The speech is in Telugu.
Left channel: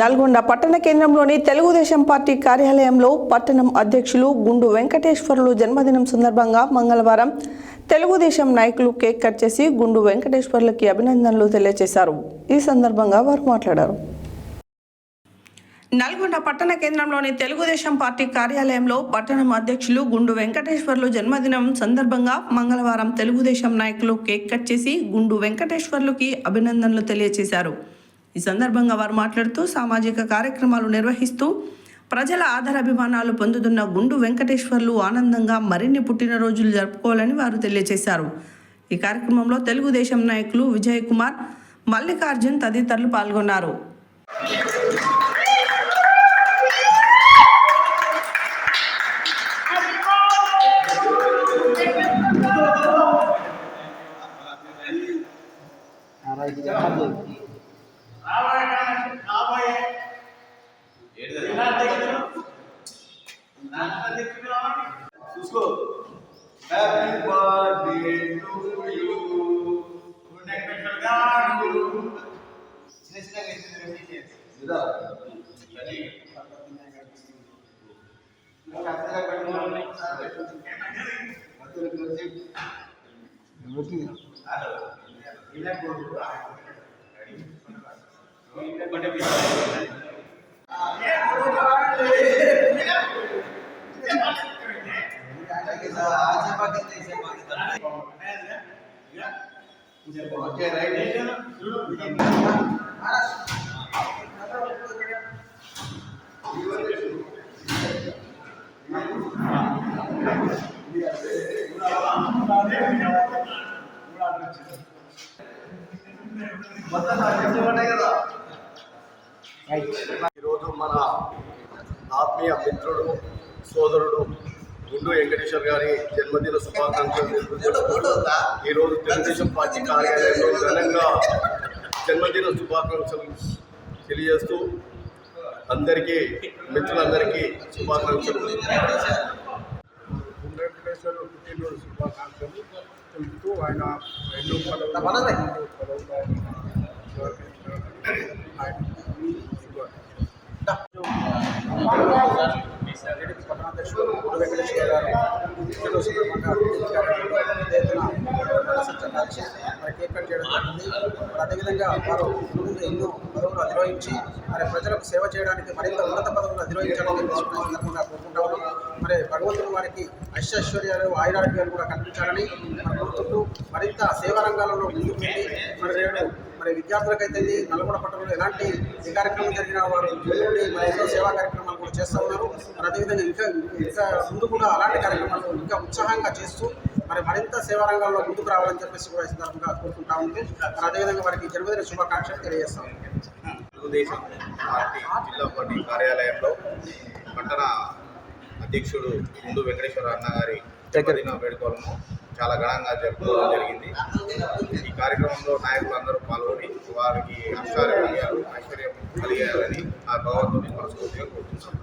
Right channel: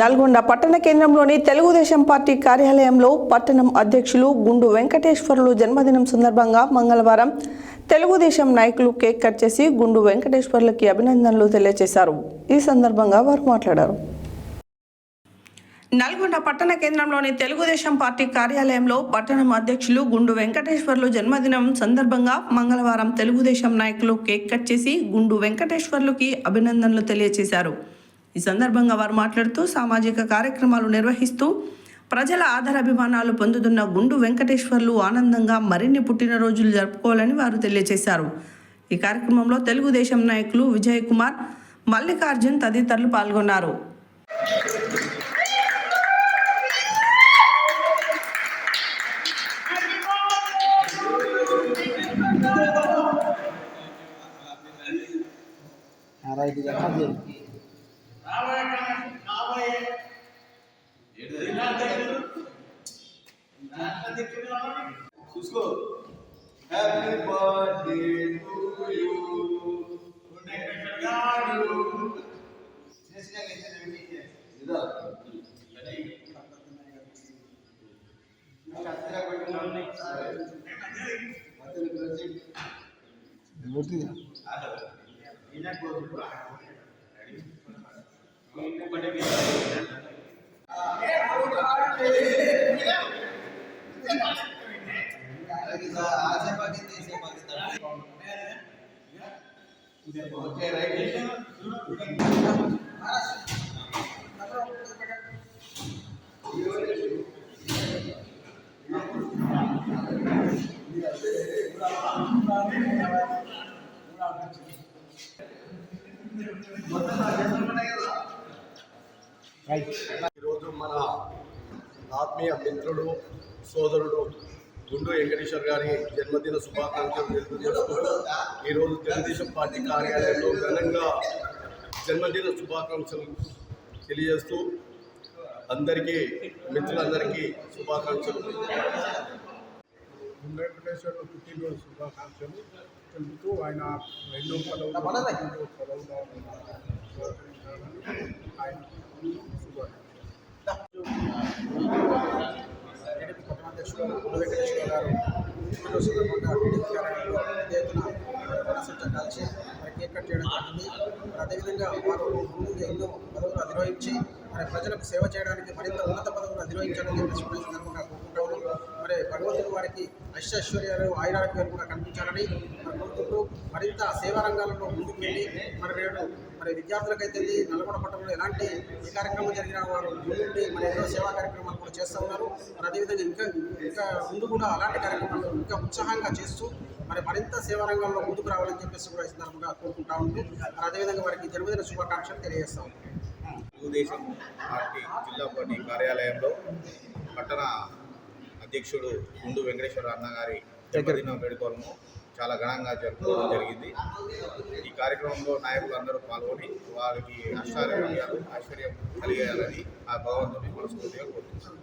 నల్గొండ పట్టణ కేంద్రంలోని తెలుగుదేశం పార్టీ కార్యాలయంలో పట్టణం అధ్యక్షులు గుండు వెంకటేశ్వర్లు జన్మదినం సందర్భంగా మంగళవారం తెలుగుదేశం నాయకులు కేక్ కట్ చేసి గుండు వెంకటేశ్వర్లకి అభినందనలు తెలియజేశారు. ఈ సందర్భంగా వారు మాట్లాడారు. నల్గొండ పట్టణ కేంద్రంలోని తెలుగుదేశం పార్టీ కార్యాలయంలో పట్టణం అధ్యక్షులు గుండు వెంకటేశ్వర్లు జన్మదినం సందర్భంగా మంగళవారం తెలుగుదేశం నాయకులు కేక్ కట్ చేసి గుండు వెంకటేశ్వర్లుకి అభినందనలు తెలియజేశారు. ఈ సందర్భంగా వారు మాట్లాడుతూ సామాజిక కార్యక్రమాలు నిర్వహిస్తూ ప్రజల ఆదరాభిమానాలు పొందుతున్న గుండు వెంకటేశ్వర్లు ఆనందంగా మరిన్ని పుట్టినరోజులు జరుపుకోవాలని వారు తెలియజేశారు. ఈ కార్యక్రమంలో తెలుగుదేశం నాయకులు విజయ్ కుమార్, మల్లికార్జున్ తదితరులు పాల్గొన్నారు. Happy birthday to you. Okay, right? ఈరోజు మన ఆత్మీయ మిత్రుడు సోదరుడు గుండు వెంకటేశ్వర్ గారి జన్మదిన శుభాకాంక్షలు ఈరోజు తెలుగుదేశం పార్టీ కార్యాలయంలో ఘనంగా జన్మదిన శుభాకాంక్షలు తెలియజేస్తూ అందరికీ మిత్రులందరికీ శుభాకాంక్షలు. గుండు వెంకటేశ్వర్లు పుట్టినరోజు శుభాకాంక్షలు తెలుపుతూ ఆయన ఎన్నో పట్టణాధ్యక్షుడు గుండు వెంకటేశ్వర గారు పుట్టినరోజు సందర్భంగా కేక్ కట్ చేయడం జరిగింది. అదేవిధంగా వారు ముందు ఎన్నో పదవులు అధిరోహించి మరి ప్రజలకు సేవ చేయడానికి మరింత ఉన్నత పదవులు అధిరోహించాలని సందర్భంగా కోరుకుంటాము. మరి భగవంతుడు వారికి ఐశ్వర్యాలు ఆయురారోగ్యాలు కూడా కల్పించాలని మనం కోరుకుంటూ మరింత సేవా రంగాలలో ముందుకు వెళ్ళి మరి విద్యార్థులకైతే నల్గొండ పట్టణంలో ఎలాంటి ఏ కార్యక్రమం జరిగినా వారు మరి ఎన్నో సేవా కార్యక్రమాలు కూడా చేస్తూ ఉన్నారు. మరి అదేవిధంగా ఇంకా ముందు కూడా అలాంటి కార్యక్రమాలు ఇంకా ఉత్సాహంగా చేస్తూ మరింత సేవా రంగాల్లో ముందుకు రావాలని చెప్పేసి కూడా ఈ సందర్భంగా కోరుకుంటా ఉంది. మరి అదేవిధంగా వారికి జన్మదిన శుభాకాంక్షలు తెలియజేస్తాం. తెలుగుదేశం పార్టీ జిల్లా పార్టీ కార్యాలయంలో పట్టణ అధ్యక్షుడు గుండు వెంకటేశ్వర అన్న గారి జన్మదిన వేడుకలను చాలా ఘనంగా జరుపుకోవడం జరిగింది. ఈ కార్యక్రమంలో నాయకులందరూ పాల్గొని వారికి ఐశ్వర్యం కలిగేయాలని ఆ భగవంతుని మనస్ఫూర్తిగా కోరుతున్నాం.